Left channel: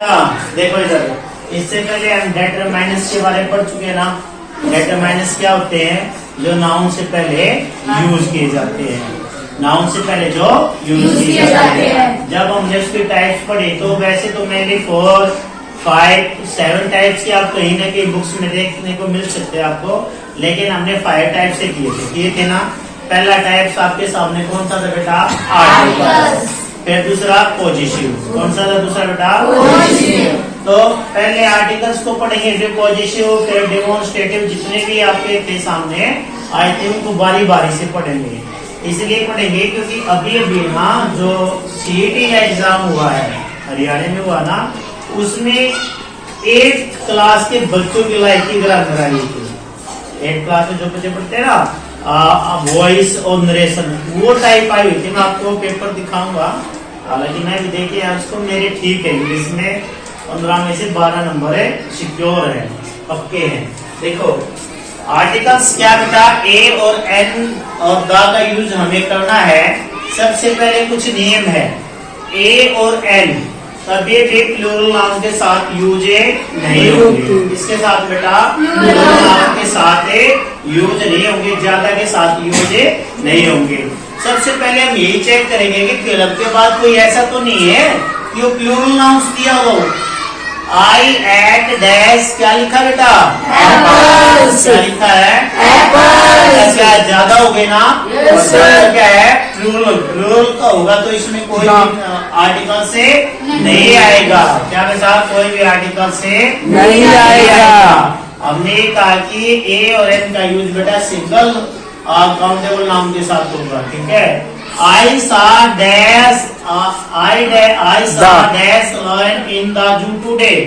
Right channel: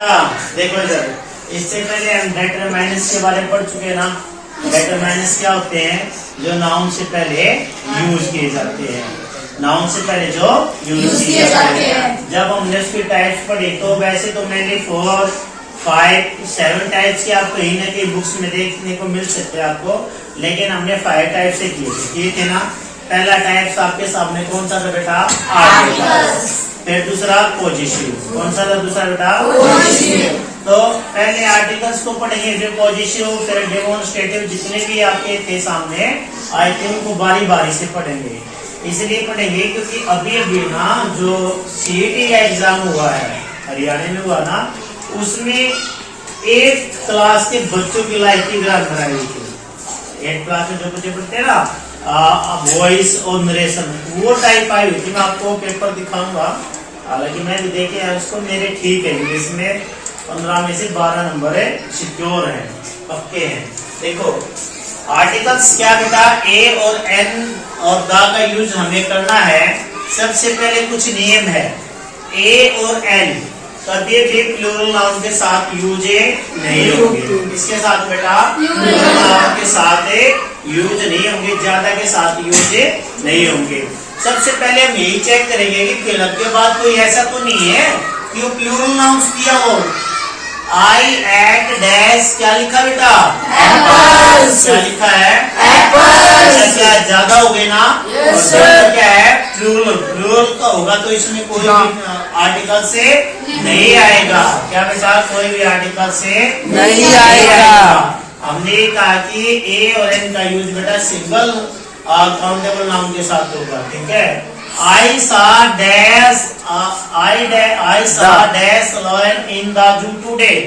देखो इधर, इससे पहले हम डेटरमाइनस के बारे में पढ़ चुके हैं ना। डेटरमाइनस क्या होते हैं? जो नाउन से पहले यूज किए जाते हैं, नाउन से पहले जो यूज किए जाते हैं। जब हमने उसकी टाइप्स पढ़ी तो वैसे तो मेनली 4, 5, 7 टाइप्स की आप कहीं ना कहीं बुक्स में देखने को मिल सकते हैं आपको, लेकिन हमने 5 टाइप से किए थे ना। पहला टाइप्स आपके सामने कौन सा था बेटा? आर्टिकल्स। फिर दूसरा पॉजिटिव, कौन सा था दूसरा बेटा? पॉजिटिव। तो पहले आर्टिकल्स को पढ़ेंगे, फिर पॉजिटिव, फिर डेमोन्स्ट्रेटिव, जितने भी आपके थे सामने आई थिंक उनको बारी बारी से पढ़ेंगे। इसलिए पढ़ेंगे क्योंकि अभी अभी ना जो सीईटी का एग्जाम हुआ है, हरियाणा में हुआ ना, उसमें 8th क्लास के बच्चों की लाइफ की ग्रामर आई थी। 8th क्लास में जो बच्चे पढ़ते हैं ना, वॉइस और नरेशन, वो टाइप आई हुई थी। मैं आपको पेपर दिखाऊंगा, हालांकि मैं भी देखे यार उसको, मेरे ठीक है इंग्लिश में 15 में से 12 नंबर है, सिक्योर है, पक्के हैं। देखो आर्टिकल्स क्या बेटा? ए और एन और द का यूज हमें करना है। सबसे पहले कुछ नियम है। ए और एन कभी भी प्लूरल नाउन के साथ यूज नहीं होंगे। इसके साथ बेटा प्लूरल नाउन के साथ यूज नहीं होंगे, ज्यादा के साथ यूज नहीं होंगे। सबसे पहले हम यही चेक करेंगे कि फिलअप के बाद कोई ऐसा तो नहीं है कि वो प्लूरल नाउन किया हो। आई एट डैश क्या लिखा बेटा? एप्पल्स। क्या लिखा है? एप्पल्स। क्या ज्यादा हो गए ना? yes, तो क्या है? प्लूरल। प्लूरल का होगा तो इसमें कोई आर्टिकल से नहीं आएगा। क्या बेटा? कोई भी आर्टिकल से नहीं आएगा। हमने कहा कि ए और एन का यूज बेटा सिंगल काउंटेबल नाउन के साथ होगा, ठीक है। I saw dash lion in the zoo today.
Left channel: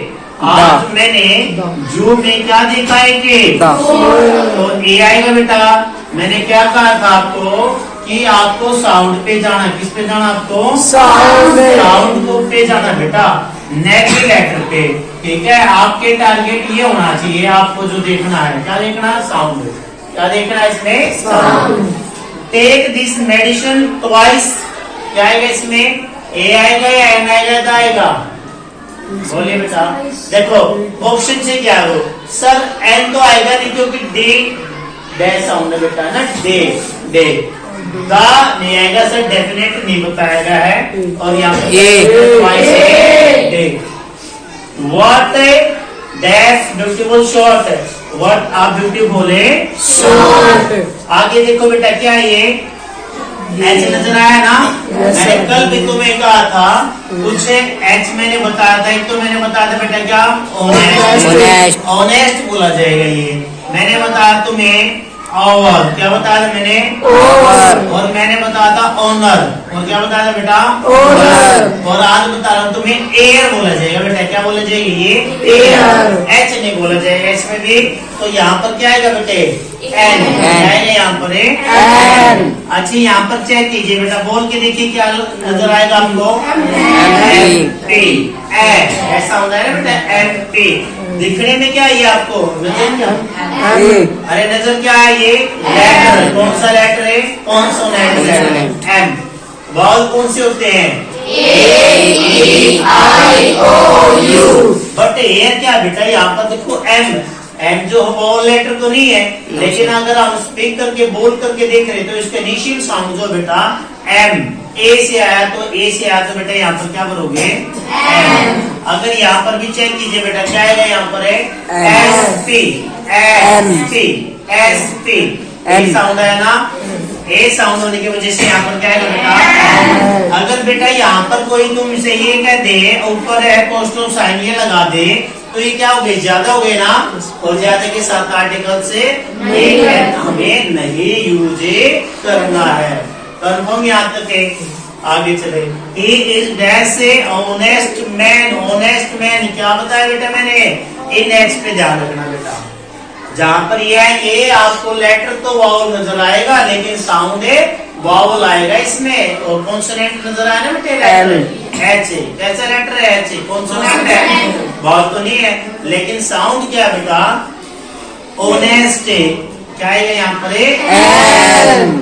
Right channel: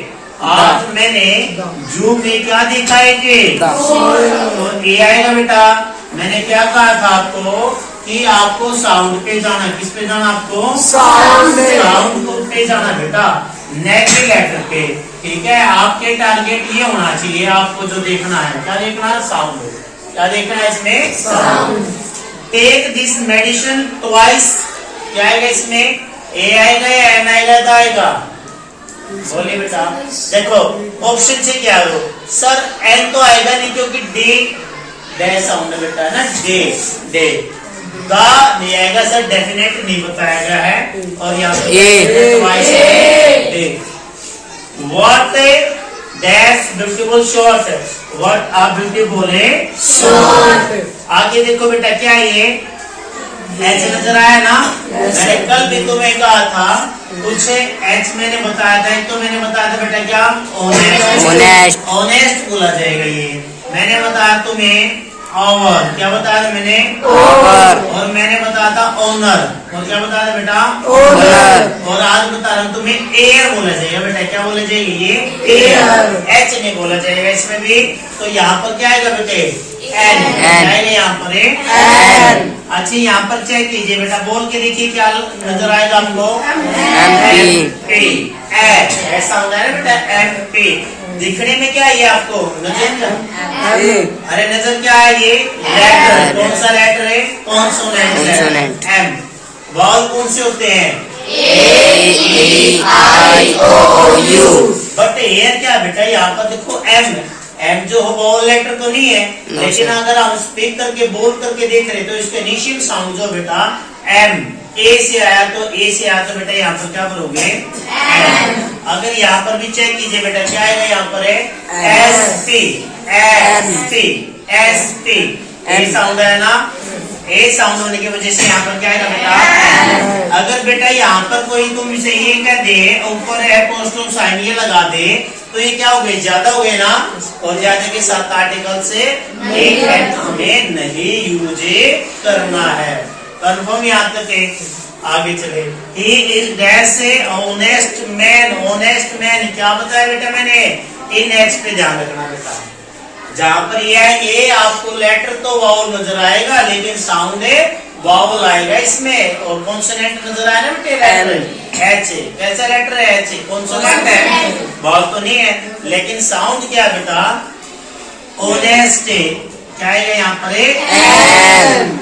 आज मैंने जू में क्या देखा है? तो ए आएगा बेटा। मैंने क्या कहा था आपको कि आपको साउंड पे जाना। किस पे जाना आपको? साउंड को पे जाना बेटा, नेक्स्ट लेटर पे, ठीक है। आपके टारगेट ये होना चाहिए, आपको जो देखना है क्या देखना है? साउंड। क्या देखना है इसमें? Sound. Take this medicine twice, क्या आएगा इसमें? ए आएगा या एन आएगा? द आएगा? बोलिए बेटा। देखो ऑप्शन से क्या हो सर? एन तो आएगा नहीं क्योंकि डे डे साउंड बेटा है ना, डे डे। द नहीं आएगा सर, डेफिनेट नहीं बताया गया है। और यहाँ पे व्हाट डैश ब्यूटीफुल शॉर्ट है, व्हाट आर ब्यूटीफुल है शॉर्ट। आगे देखो बेटा क्या ये एच नजर आया ना? मैंने कल भी तुम्हें कहा था कुछ एच मैंने बताया था। एक तो मैंने बताया था बेटा क्या? ऑनेस्ट। ऑनेस्ट बोला जाएगा ये। मैंने बताया तुम्हें ओवर, क्या बताया था मैंने? ओवर। और मैंने बताया था ऑनर, और क्या बताया था बेटा? ऑनर। और आज बता रहा हूँ तुम्हें एयर बोला जाएगा बेटा। क्या बोला जाएगा? ये एयर। एच नहीं बोला जाएगा इसमें भी। तो यहाँ पर क्या आएगा बेटे? एन आएगा यहाँ पर एन। अच्छा यहाँ पर चेक कीजिए बेटा, बोल के देखिए क्या नजर आएगा आपको? M P. ऐसा हो जाएगा बेटा, एम पी। दिखने में क्या है ये आपको? नजर? अरे नजर क्या है ये? लेटर। कौन सा लेटर है? कॉन्सोनेंट। एम। वॉवल कौन से होते हैं? ए, ई, आई, ओ, यू। बट एयर क्या बेटा? यहाँ पर देखो एम। एम जो वॉवल लेटर तो नहीं है, लेकिन अगर हम स्पीक करके बोल करके देख रहे तो इसका इनिशियल साउंड जो बेटा एम, ए से आया तो ए से आया तो बेटा यहाँ पर क्या करोगे? एम। अगर यहाँ पर भी चेक कीजिए बेटा क्या आएगा? यहाँ पर है S T. S T S T. A sound है ना? ए साउंड होने की वजह से यहाँ पर क्या आएगा बेटा? अगर बेटा यहाँ पर कोई तुमसे ये कह दे ऊपर है पोस्टल साइन ये लगा दे तो ये क्या हो गई? ज्यादा हो गए ना? और ज्यादा के साथ आर्टिकल से हमें नहीं यूज करना है। कन्फर्म याद करके आगे चले। ही is dash A honest man. Honest man क्या बताया बेटा मैंने? इन एच पे ध्यान रखना बेटा। जहां पर ये है ये आपको लेटर तो वावल नजर आएगा, लेकिन साउंड वावल आएगा इसमें। और कॉन्सोनेंट नजर आया ना बेटे? Letter H. कैसा लेटर है? एच। कॉन्सोनेंट है, वावल तो नहीं है, लेकिन साउंड क्या बेटा? ऑनेस्ट। क्या आएगा यहाँ पर?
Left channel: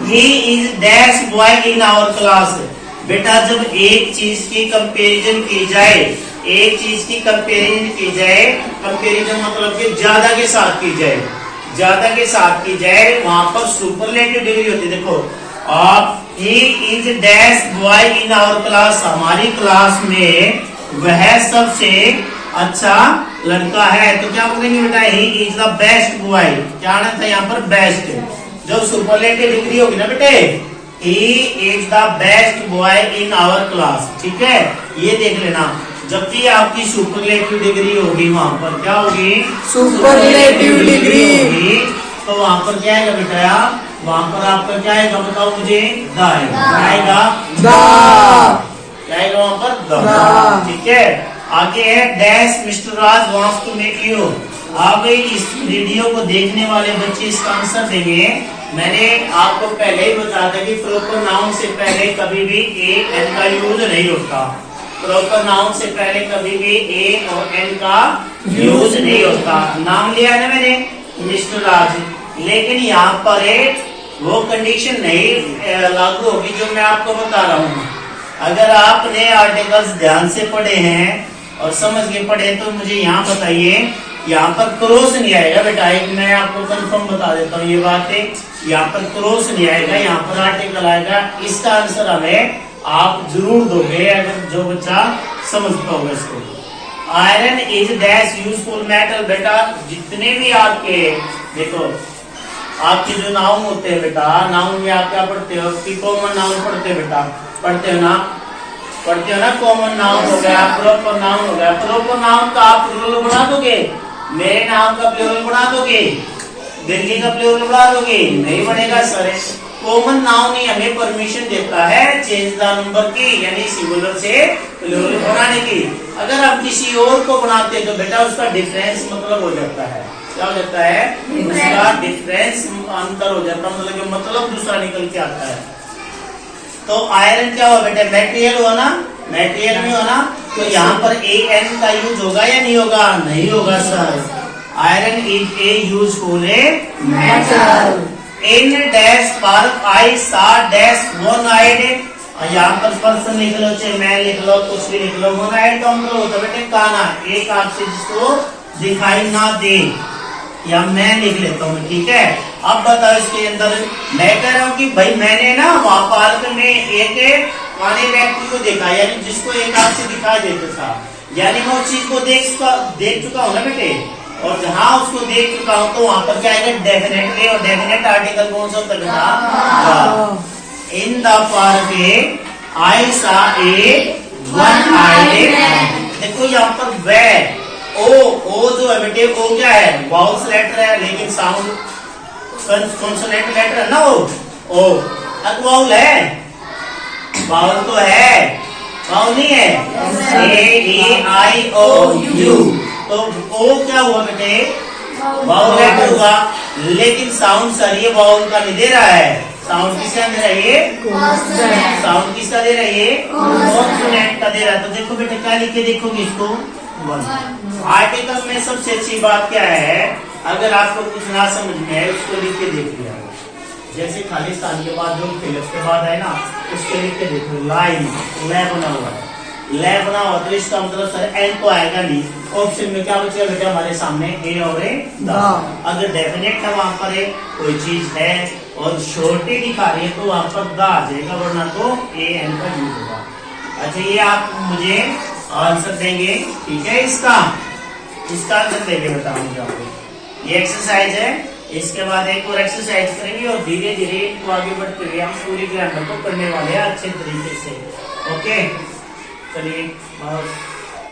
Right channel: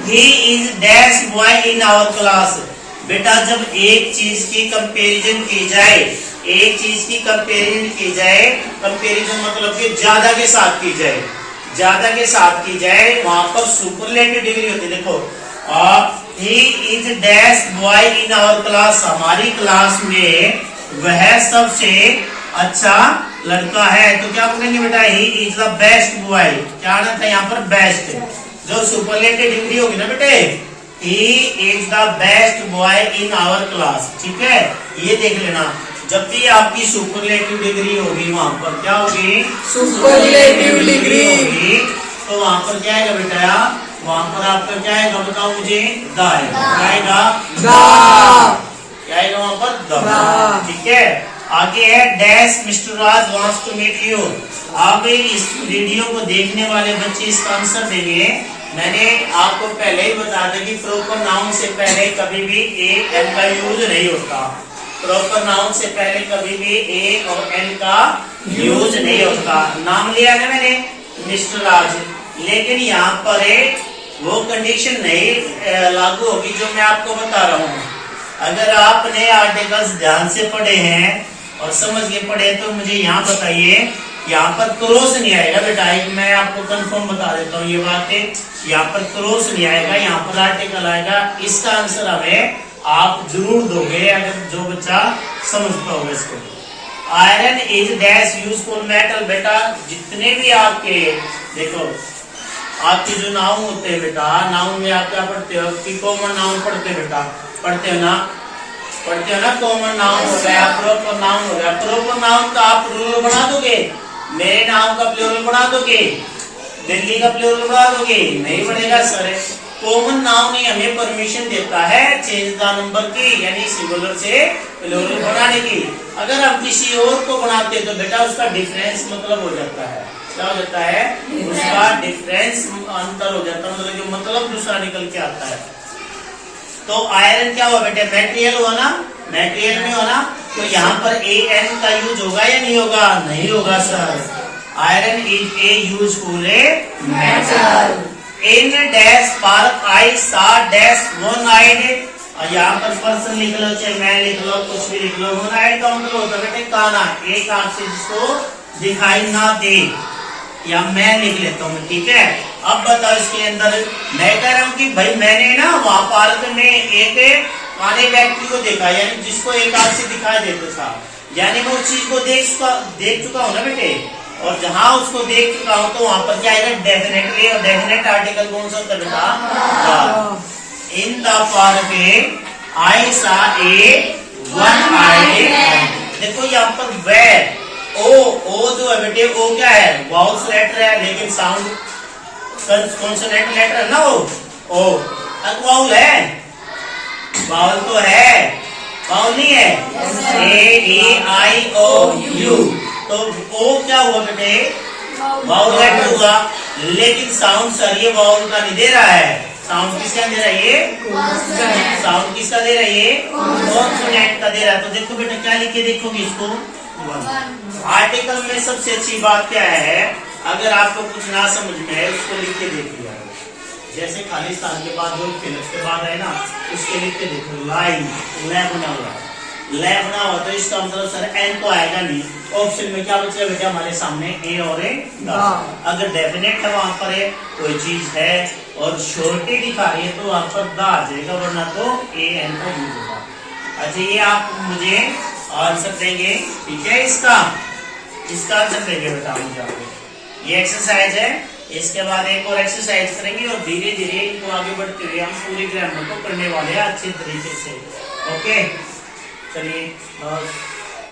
He is dash boy in our class. बेटा जब एक चीज की कंपैरिजन की जाए एक चीज की कंपेरिजन की जाए, कंपेरिजन मतलब कि ज्यादा के साथ की जाए, ज्यादा के साथ की जाए, वहां पर सुपरलेटिव डिग्री होती है। देखो he is dash boy in our class, हमारी क्लास में वह सबसे अच्छा लड़का है। तो क्या बोलेंगे बेटा, ही इज द बेस्ट बॉय। क्या आना था यहाँ पर, बेस्ट। जो सुपरलेटिव डिग्री होगी ना बेटे, he is the best boy in our class, ठीक है। ये देख लेना, जब भी आपकी सुपरलेटिव डिग्री होगी वहां पर क्या होगी, सुपरलेटिव डिग्री होगी। तो वहां पर क्या आएगा बेटा, वहां पर आपका क्या आएगा बताओ मुझे, द आएगा, क्या आएगा वहां पर, द, ठीक है। आगे है dash mister Raj wants to meet you. अब इस वीडियो को देखने वाले बच्चे इसका आंसर देंगे। मैंने आपको पहले ही बता दिया कि प्रॉपर नाउन से पहले कभी भी ए एन का यूज नहीं होता। प्रॉपर नाउन से पहले कभी भी ए और एन का यूज नहीं होता। नाम लिया है ना मैंने, मिस्टर राज, लेकिन यहाँ पर वो कंडीशन नहीं लागू होगी जो मैं आपको बता रहा हूँ। अगर आपने आर्टिकल्स ध्यान से पढ़े हैं और समझ के पढ़े तो मुझे यहाँ बताइए, यहाँ पर क्रॉस नहीं आएगा बेटा। एक मैं आपको कंफर्म बता देता हूँ ये बात है, यहाँ पर क्रॉस नहीं आएगा, यहाँ पर आर्टिकल आएगा। इसका आंसर हमें आप जरूर दोगे अगर जो बच्चा समझता होगा इसको। Iron is dash useful metal. बेटा जितने भी आपके देखो आपके जो नाउन होते हैं बेटा, नाउन में आप क्या पढ़ते हो कि कॉमन नाउन पढ़ते हो बेटा, पढ़ते हो ना, पढ़ते हो ना। कॉमन नाउन हो गया, प्रॉपर नाउन हो गया। प्रॉपर नाउन का आप प्लूरल बना दोगे, मेरे नाम का प्लूरल बना दोगे, दिल्ली का प्लूरल बना दोगे, नहीं बनेगा सर। कॉमन नाउन ही हमें परमिशन देता है चेंज द नंबर की, यानी सिंगुलर से प्लूरल बनाने की। अगर हम किसी और को बनाते तो बेटा उसका डिफरेंस मतलब हो जाता है, क्या हो जाता है, उसका डिफरेंस अंतर हो जाता है, मतलब दूसरा निकल के आता है। तो आयरन क्या हुआ बेटे, मेटेरियल हुआ ना, मेटेरियल में हो ना, तो यहाँ पर ए एन का यूज होगा या नहीं होगा, नहीं होगा सर। Iron is a useful metal. In dash park I saw dash one eyed, यहाँ पर पर्सन लिख लो चाहे मैं लिख लो कुछ भी लिख लो, वन आइड का मतलब होता है बेटे काना, एक आंख से जिसको दिखाई ना दे, या मैं लिख लेता हूँ, ठीक है। अब बताओ इसके अंदर मैं कह रहा हूँ कि भाई मैंने ना वहां पार्क में एक वाले व्यक्ति को देखा, यानी जिसको एक आंख से दिखाई देता था, यानी मैं उस चीज को देख चुका हूँ ना बेटे। और जहां उसको देख चुका हूँ तो वहां पर क्या आएगा, डेफिनेटली। और डेफिनेट आर्टिकल कौन सा करना, इन द पार्क आई सा ए वन आइड। देखो यहाँ पर वे ओ जो है बेटे, ओ क्या है, वाउल्स लेटर है, लेकिन साउंड कॉन्सोनेंट लेटर है ना ओ वाउल है, वाउल तो है, वाउल नहीं है, ए आई ओ यू। तो ओ क्या हुआ बेटे, वाउल लेटर हुआ, लेकिन साउंड सर ये वाउल का नहीं दे रहा है, साउंड किसका दे रहा है, ये साउंड किसका दे रहा है, ये कॉन्सोनेंट का दे रहा है। तो देखो बेटा क्या लिखे, देखोगे इसको आर्टिकल में सबसे अच्छी बात क्या है, अगर आपको कुछ ना समझ में है उसको लिख के देख लिया, जैसे खालिस्तान के बाद जो फिलक्स के बाद है ना उसके लिख के देखो, लाइन लै बना हुआ है, लै बना हुआ तो इसका मतलब सर एन तो आएगा नहीं। ऑप्शन में क्या बचेगा बेटा हमारे सामने, ए और ए द। अगर डेफिनेट है वहां पर कोई चीज है और शॉर्टी दिखा रही है तो वहां पर द आ जाएगा, वरना तो ए एन का यूज होगा। अच्छा ये आप मुझे आंसर देंगे, ठीक है, इसका आंसर देंगे बेटा मुझे आपको। ये एक्सरसाइज है, इसके बाद एक और एक्सरसाइज करेंगे और धीरे धीरे इनको आगे बढ़ते हुए हम पूरी ग्रामर को करने वाले हैं अच्छे तरीके से। ओके चलिए।